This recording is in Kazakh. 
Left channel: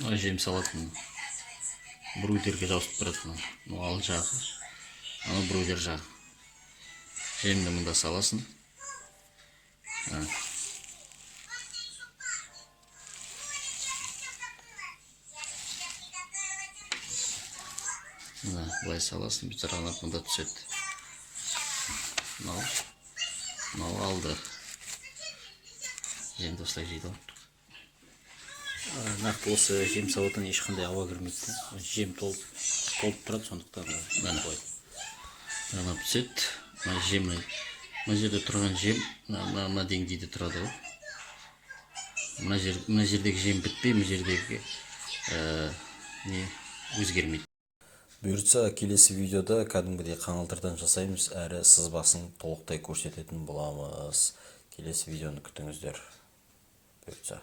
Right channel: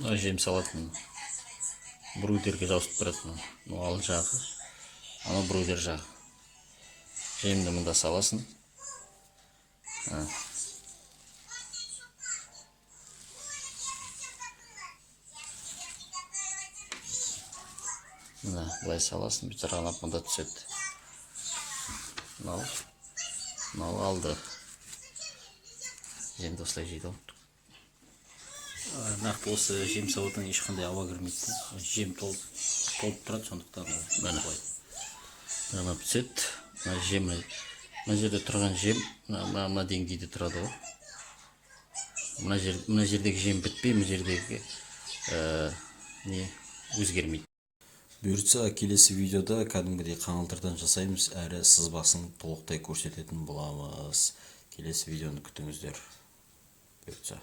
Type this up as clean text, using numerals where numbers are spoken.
жем салатын брудерге ауысып тұрады. Мынау ал жағы, анау брудер жағы. Жемді мында саласың. Мына былай саласың, бітірғанап мында түседі. Мынау алды. Жемді осылай жейді. Нақты осы жем сауытын ешқандай ауа кірмейді. Жем толып тұрады, сондықтан мына түседі. Мына жерде тұрған жем мына деңгейде тұрады ғой. Мына жердегі жем бітпей, мына жердегі не өзгермейді. Бұйыртса келесі видеода кәдімгідей қаңылтырдан жасаймыз, әрі сызбасын толықтай көрсететін боламыз. Келесі видеоны күтіңіздер. Бұйыртса.